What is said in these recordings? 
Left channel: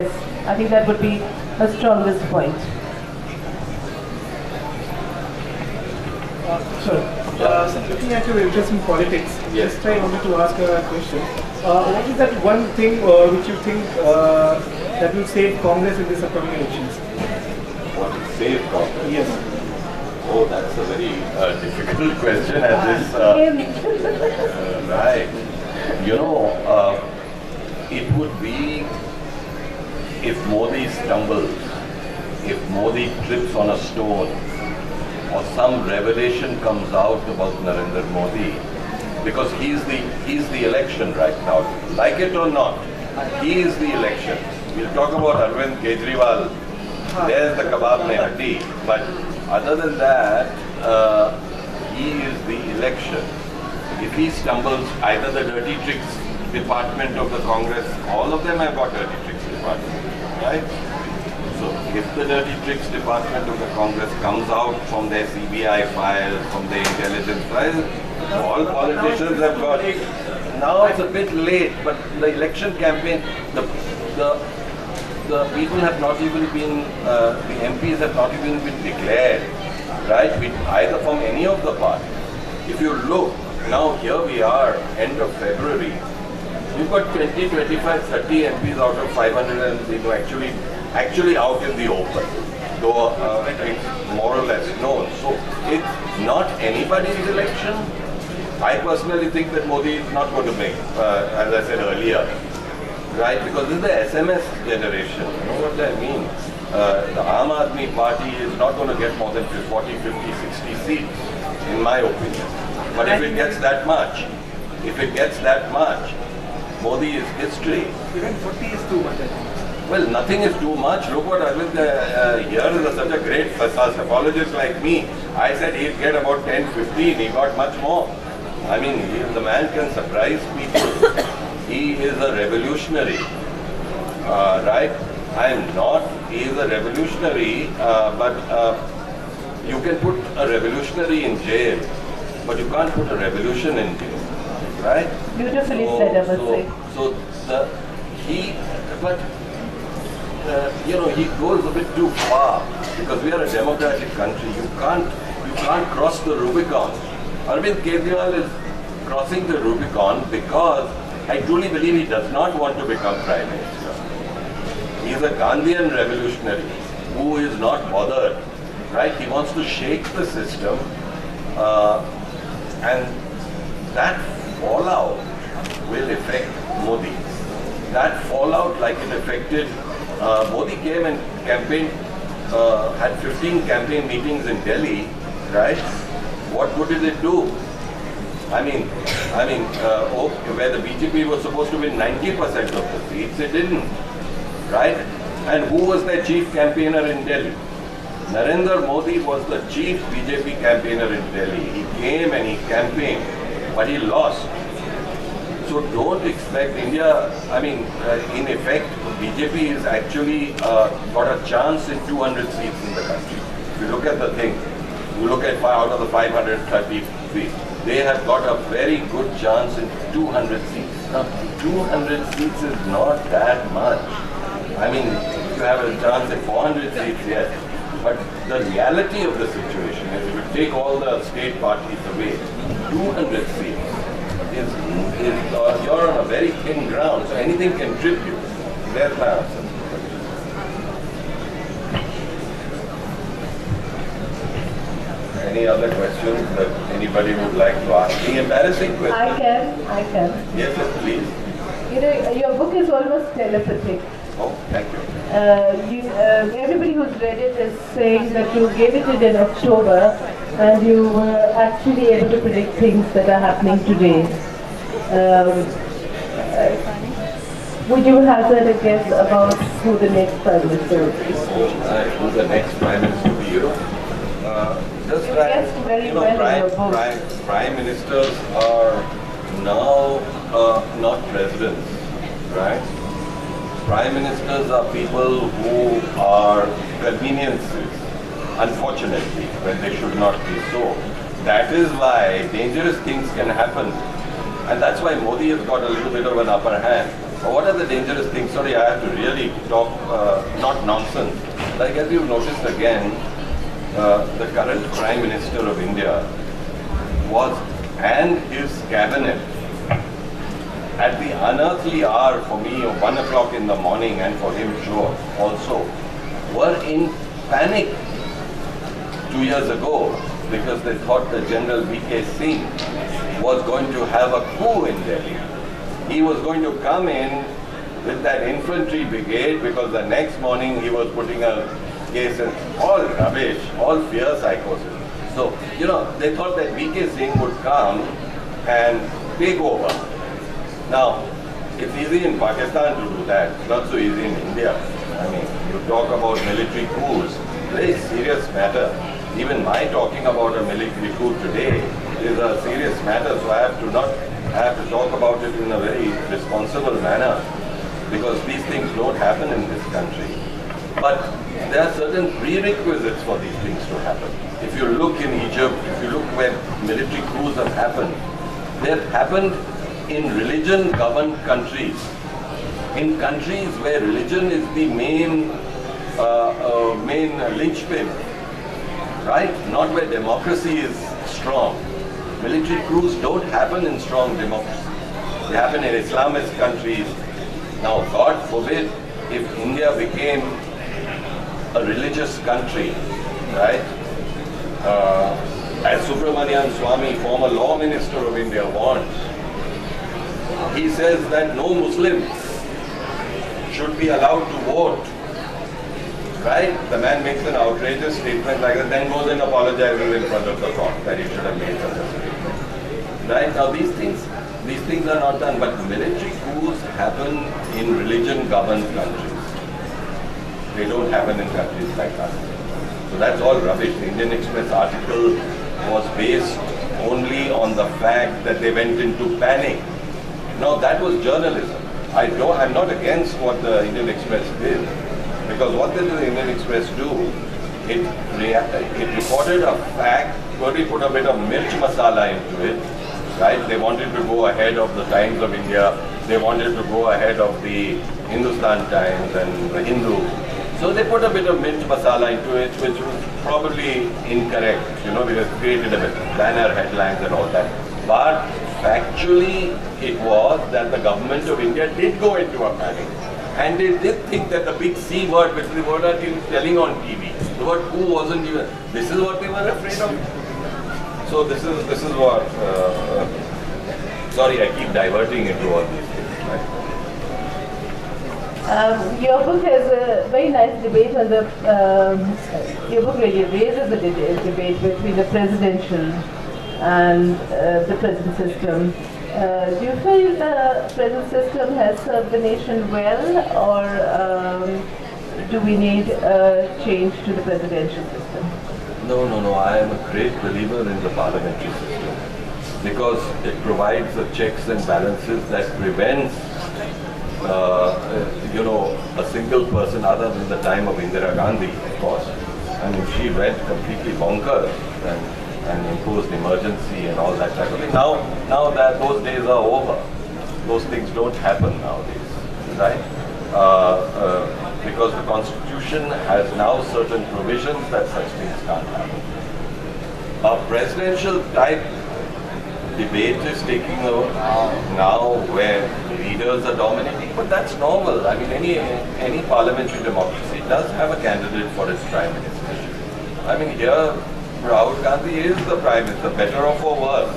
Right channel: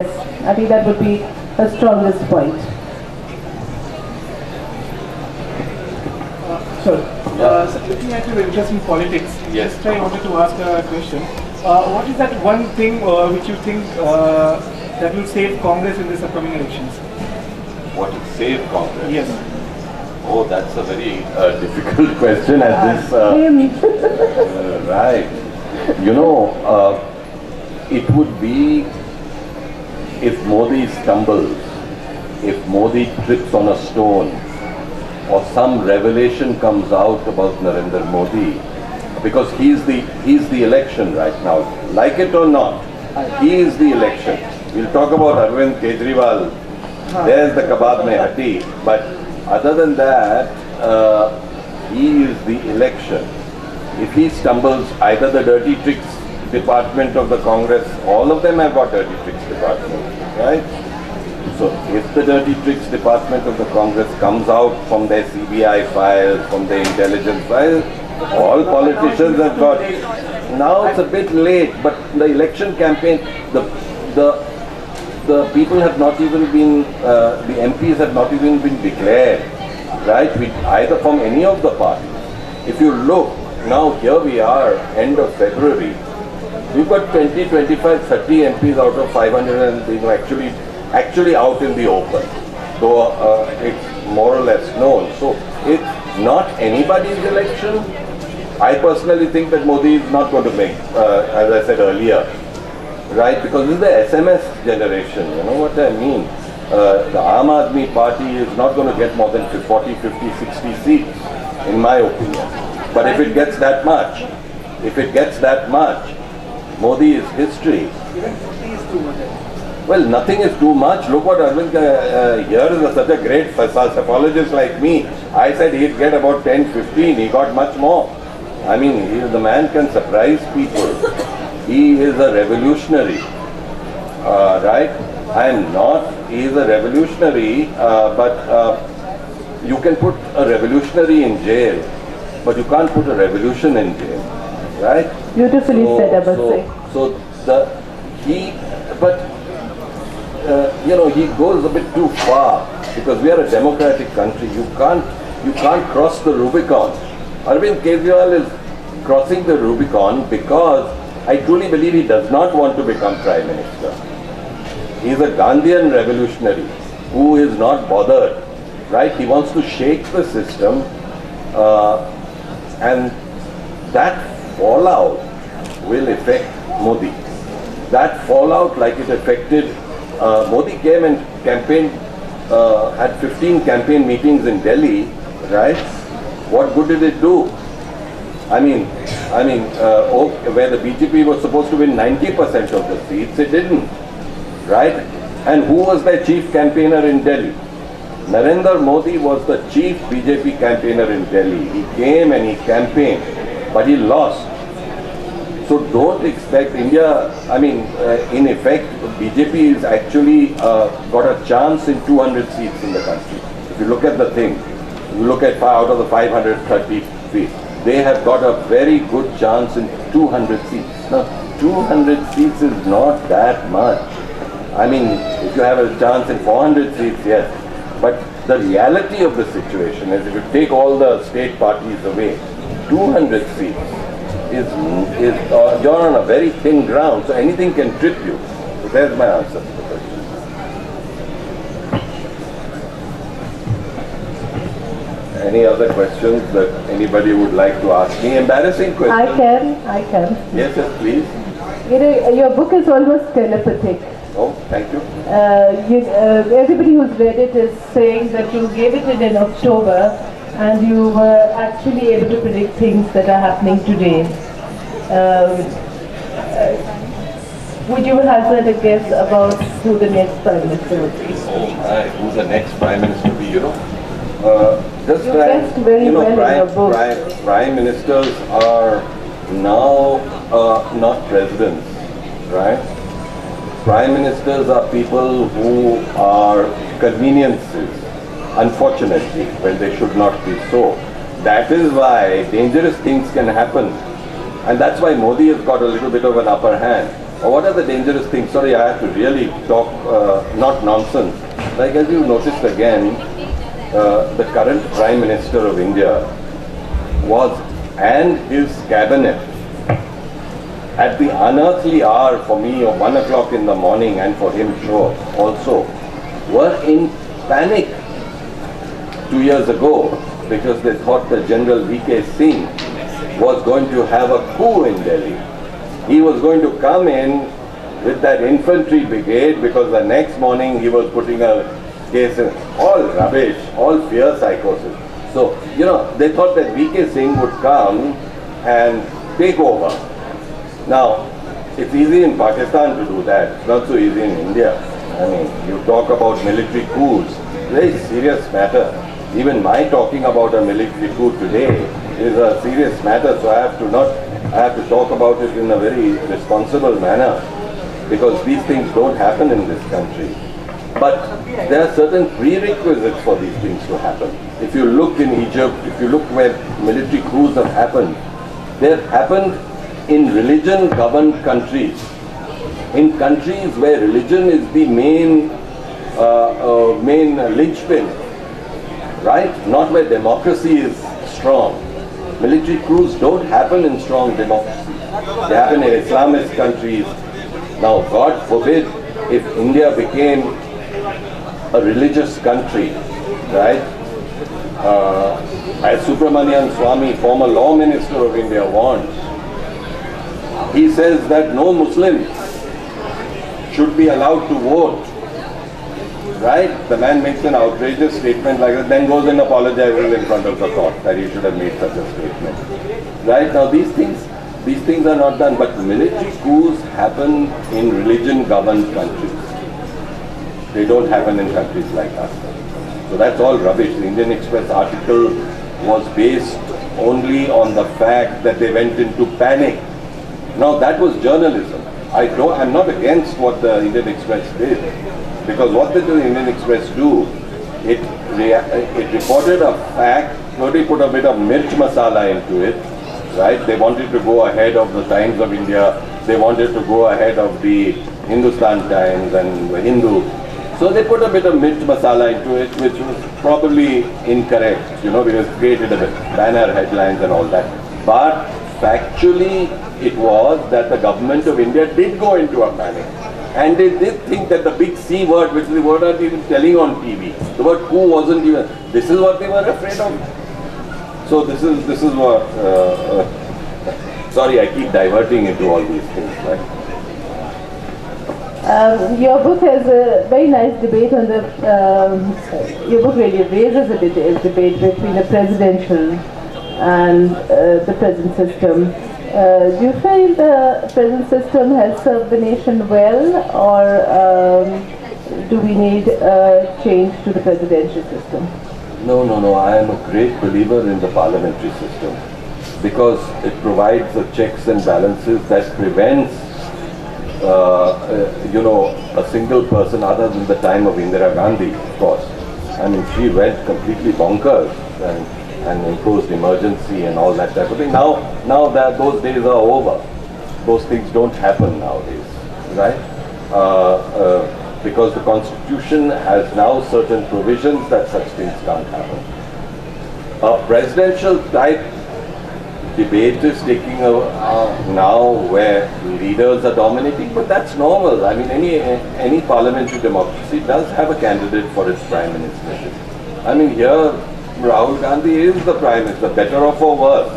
I think that would be the strongest point. So looking at your interest in politics, Yes. just I wanted to ask a question. What is that one thing which you think that will save Congress in this upcoming elections? What will save Congress? Yes. Oh, that's a very difficult question at this. Right. You know, it would be if Modi stumbles, if Modi trips on a stone, or some revelation comes out about Narendra Modi, because he's the election right now. Like it or not, he is the election. We'll talk about Arvind Kejriwal. There's the kebab mein hati. But other than that, he is the election. If he stumbles, either the dirty tricks department of the Congress, all of them have got dirty tricks department, right? So if the dirty tricks department of the Congress comes out from their CBI files, from their intelligence files, all politicians have got. Now it's a bit late, but the election campaign, the people have not even been, the MPs have not even been declared, right? Either from any of the parties. If you look, now here we are, end of February, we've got 20, 25, 30 MPs out of 500 and you know, actually out in the open, though it's more or less known. So it's not anybody's election. I personally think that Modi is not going to make, as I said earlier, right? Because this is the SMS generation, you know what I mean? The Aam Aadmi Party is not going to get more than 40, 50, 60 seats, in my opinion. But if it gets that much, Modi is history. Well, nothing is too much. Look what Arvind here is such a great psychologist like me. I said he'd get about 10, 15. He got much more. I mean, the man can surprise people. He is a revolutionary, right? He is a revolutionary, but you can put a revolutionary in jail, but you can't put a revolution in jail, right? Beautifully said, I must say. You know, he goes a bit too far because we are a democratic country. You can't cross the Rubicon. Arvind Kejriwal is crossing the Rubicon because I truly believe he does not want to become Prime Minister. He is a Gandhian revolutionary who is not bothered, right? He wants to shake the system and that fallout will affect Modi. That fallout, like it affected Modi came and campaigned, had 15 campaign meetings in Delhi, right? What good did it do? I mean, where the BJP was supposed to win 90% of the seats, it didn't, right? And who was their chief campaigner in Delhi? Narendra Modi was the chief BJP campaigner in Delhi. He came and he campaigned, but he lost. So don't expect India, in effect, BJP is actually got a chance in 200 seats in the country. If you look at the thing, you look at out of the 530 seats, they have got a very good chance in 200 seats. Now, 200 seats is not that much. I mean, if you have a chance in 400 seats, yes. But the reality of the situation is if you take all the state parties away, 200 seats you're on a very thin ground, so anything can trip you. So there's my answer. Any other questions that anybody would like to ask me? Embarrassing questions? I can. Yes, sir, please. You know, your book is almost telepathic. Oh, thank you. Everybody who's read it is saying that you gave it in October and you were actually able to predict things that are happening today. Would you hazard a guess about who the next Prime Minister will be? Who's the next Prime Minister will be? Just you guessed very well in your book. Prime Ministers are now not presidents, right? Prime Ministers are people who are conveniences, unfortunately, when they should not be so. That is why dangerous things can happen. And that's why Modi has got a little bit of an upper hand. What are the dangerous things? Sorry, I have to really talk, not nonsense. Like as you noticed again, the current Prime Minister of India was, and his cabinet, at the unearthly hour for me of 1 o'clock in the morning, and for him sure also, were in panic 2 years ago because they thought that General V.K. Singh was going to have a coup in Delhi. He was going to come in with that infantry brigade because the next morning he was putting a case in. All rubbish, all fear psychosis. So, you know, they thought that V.K. Singh would come and take over. Now, it's easy in Pakistan to do that, it's not so easy in India. I mean, you talk about military coups, very serious matter. Even my talking about a military coup today is a serious matter, so I have to talk about it in a very responsible manner, because these things don't happen in this country. But there are certain prerequisites for these things to happen. If you look in Egypt, if you look where military coups have happened, they have happened in religion-governed countries. In countries where religion is the main linchpin, right? Not where democracy is strong. Military coups don't happen in strong democracy. They happen in Islamist countries. Now, God forbid if India became a religious country, right? As Subramanian Swamy, former law minister of India, warned, he says that no Muslim should be allowed to vote. Right? The man makes an outrageous statement like that, then goes and apologizes in front of the court that he should have made such a statement. Right? Now these things are not done, but military coups happen in religion-governed countries. They don't happen in countries like us. So that's all rubbish. The Indian Express article was based only on the fact that they went into panic. Now that was journalism. I'm not against what the Indian Express did, because what did the Indian Express do? It reported a fact, probably put a bit of mirch masala into it, right? They wanted to go ahead of the Times of India, they wanted to go ahead of the Hindustan Times and the Hindu. So they put a bit of mirch masala into it, which was probably incorrect, you know, because it created a bit banner headlines and all that. But factually, it was that the government of India did go into a panic. And they did think that the big C word, which they were not even telling on TV, the word coup wasn't even, this is what they were afraid of. So this is what, sorry, I keep diverting into all these things. Right? Your book has a very nice debate on the, your book really raises a debate between the presidential and the present system. Do you feel the present system has served the nation well, or do we need a change to the presidential system? No. I am a great believer in the parliamentary system, because it provides the checks and balances that prevents, you know, a single person other than the time of Indira Gandhi, of course. I mean, she went completely bonkers and imposed emergency and all that type of thing. Now that those days are over. Those things don't happen nowadays, right? Because the Constitution has now certain provisions that such things can't happen. A presidential type debate is taking now where leaders are dominating, but that's normal. I mean, any parliamentary democracy does have a candidate for its prime minister. I mean, here Rahul Gandhi is the prime minister, better or for worse.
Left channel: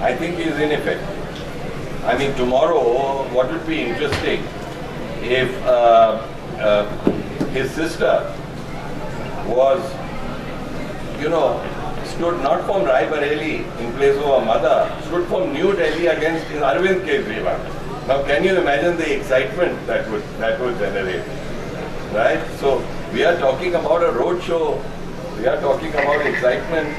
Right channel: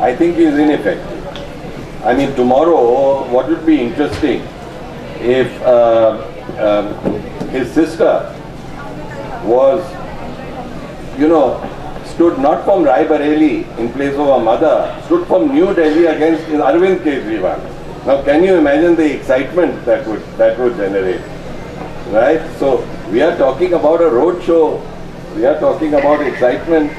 I think he is ineffective. I mean, tomorrow, what would be interesting if his sister was, you know, stood not from Raebareli in place of her mother, stood from New Delhi against Arvind Kejriwal. Now, can you imagine the excitement that would generate, right? So, we are talking about a road show. We are talking about excitement.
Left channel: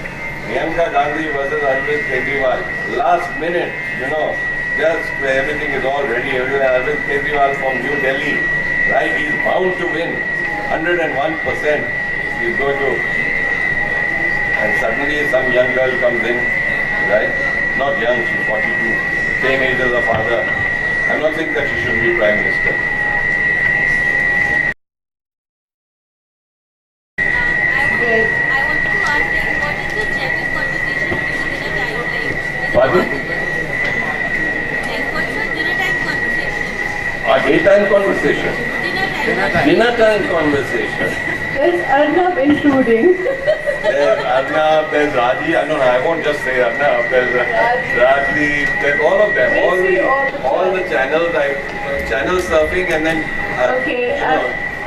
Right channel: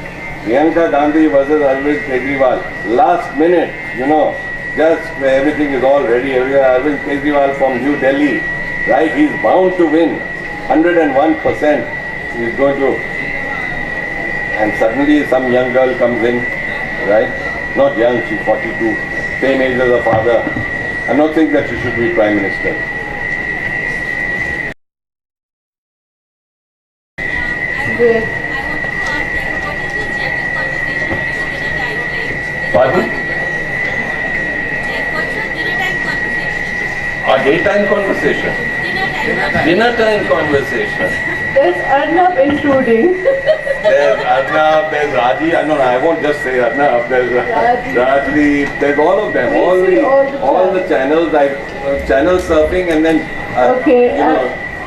Priyanka Gandhi versus Arvind Kejriwal. Last minute, you know, just everything is all ready. Arvind Kejriwal from New Delhi, right? He's bound to win. 101%. He's going to. And suddenly some young girl comes in, right? Not young, she's 42. Same age as her father. I'm not saying that she should be Prime Minister. Pardon? A daytime conversation. Dinner time conversation. There's Arnab intruding. There's Arnab, there's Raji. No, I won't just say Arnab. There's Raji. There's all of them. All the channels. Channel surfing and then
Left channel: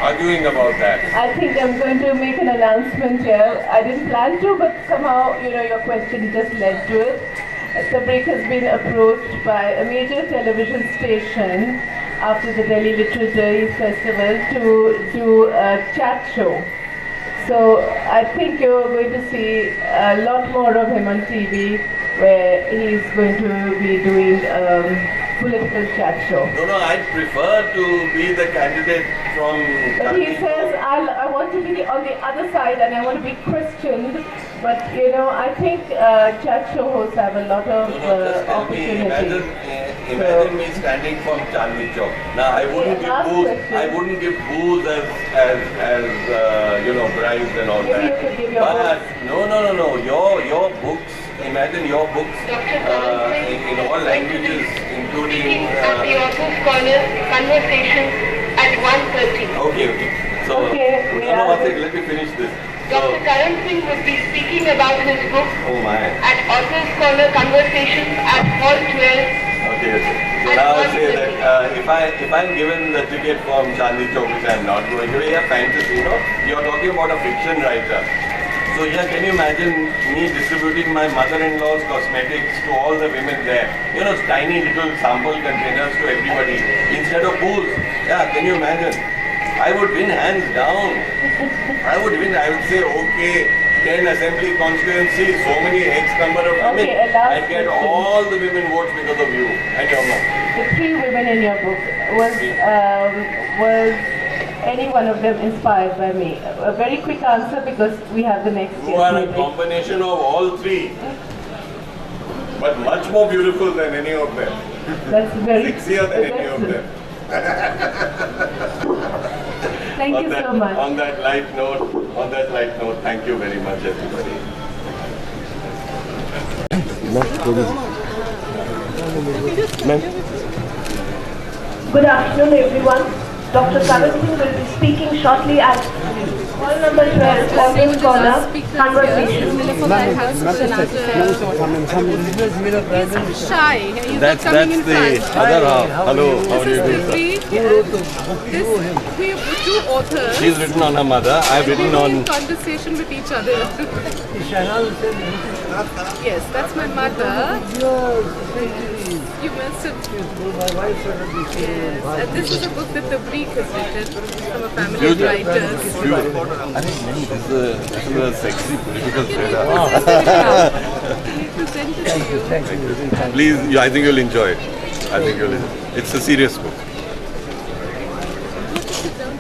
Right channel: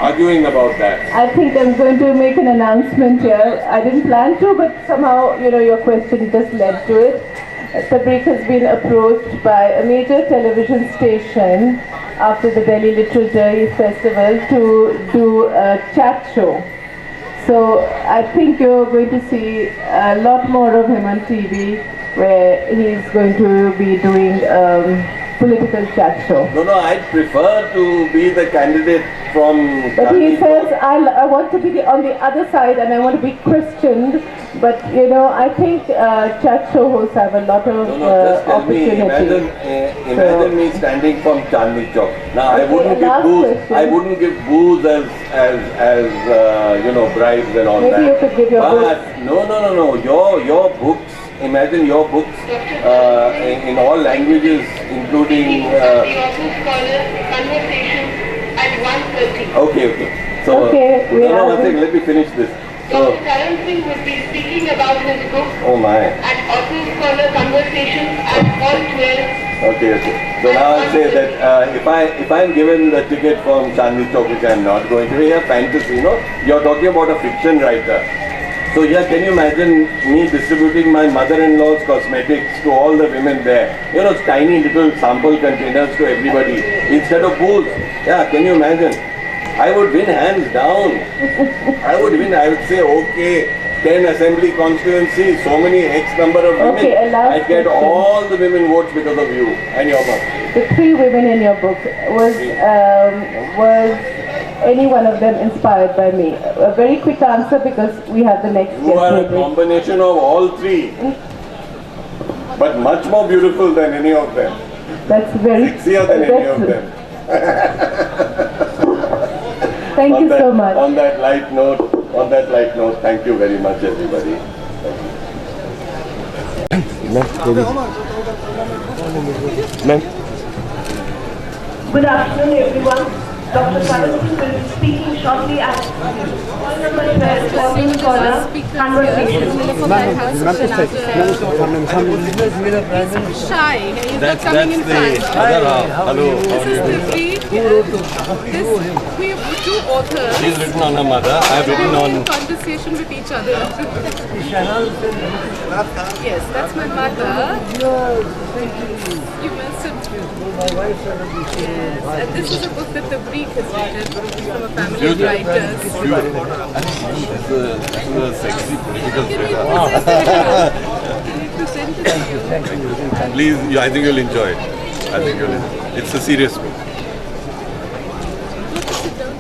arguing about that. I think I'm going to make an announcement here. I didn't plan to, but somehow, your question just led to it. Tabrik has been approached by a major television station after the Delhi Literary Festival to do a chat show. So I think you're going to see a lot more of him on TV, where he's going to be doing political chat show. No, I'd prefer to be the candidate from... But he says, I want to be on the other side and I want to be Christianed. But, I think chat show hosts have a lot of opportunity. Imagine me standing from Chandni Chowk. Now, I wouldn't give booze as bribes and all that. Maybe you could give your books. No. Your books. Imagine your books in all languages, including... the author's corner conversation at 1:30. Okay. So, let me finish this. Dr. Karan Singh would be speaking about his book at author's corner conversation at 4:12. Okay. So now I'll say that if I'm given the ticket from Chandni Chowk, which I'm not going to be a fantasy, you're talking about a fiction writer. So yeah, can you imagine me distributing my mother-in-law's cosmetics to all the women there? Tiny little sample containers to everybody instead of booze. Yeah, can you imagine? I would win hands down. I would say, okay, 10 assembly constituencies, so many X number of women. I'd get all the women votes because of you and your mom. The 3 women in your book, was any one of them inspired by me? A very quick answer because we have the next guest. You are a combination of all 3, but much more beautiful than any of them. That's very sexier than any of them. Thank you so much. On that light note, thank you very much, everybody. Good afternoon, everyone. Dr. Karan Singh will be speaking shortly at hall number 12, Author's Corner Conversation. He's shy. He's not That's coming in the front. other half. Hello, how do you do? We have 2 authors. She's written on her mother. I've written on... in conversation with each other. Yes, that's my mother. You must have... Yes, and this is a book that Tabrik has written from a family of writers. This is a sexy political thriller. Present it to you. Please, I think you'll enjoy it. It's a serious book. Sit down.